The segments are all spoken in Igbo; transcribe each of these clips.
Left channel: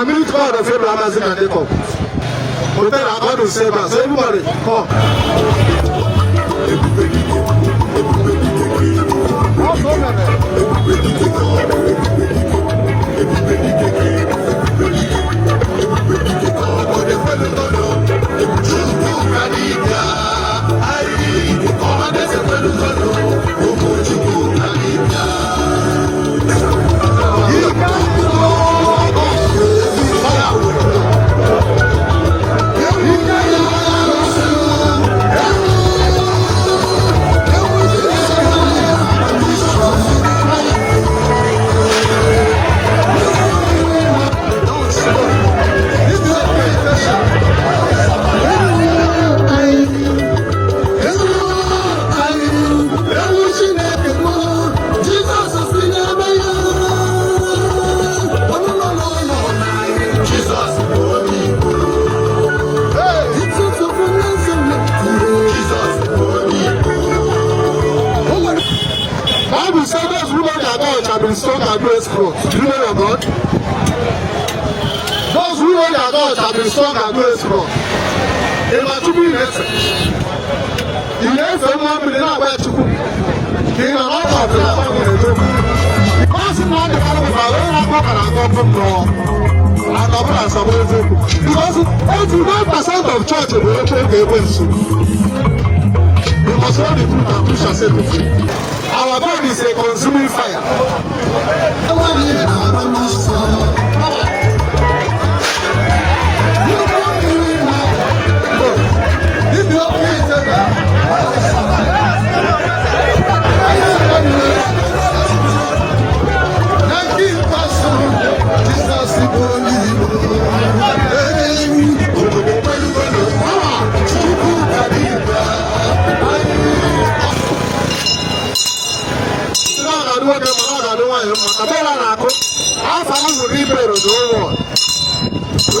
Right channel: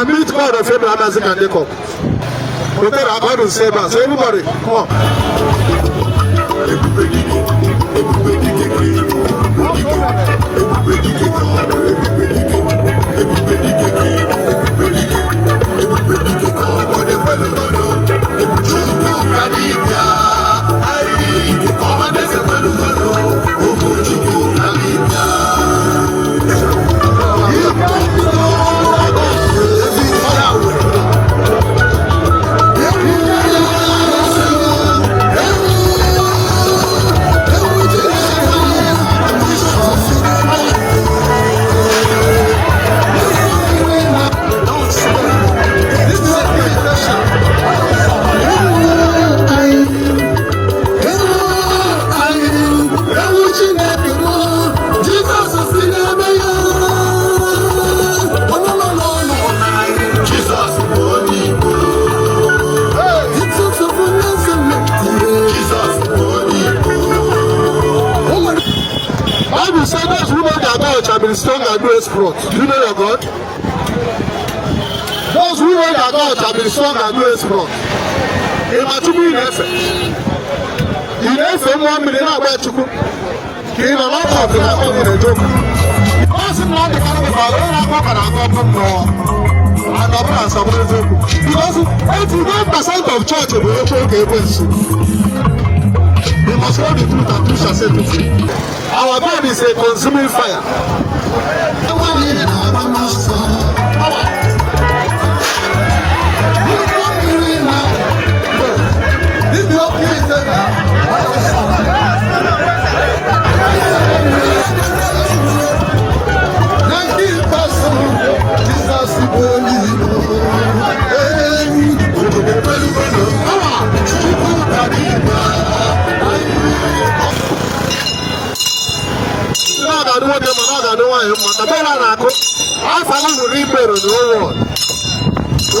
I meet God of Abraham, Isaac, and Jacob. But then our Bible said that. So everybody, come. Bible said those who know their God shall be strong and do exploits. Do you know your God? Those who know their God shall be strong and do exploits. They might be in effect. You know, if someone will not wear to King of all of them, I'm going to do. Because in one country, I don't know what I'm going to do. Because 89% of church will be open to everyone. We must hold the truth and preach and say the truth. Our God is a consuming fire.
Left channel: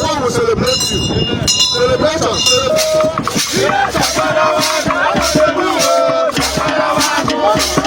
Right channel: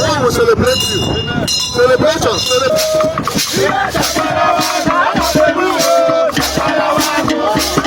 God will celebrate you. Celebration, celebration.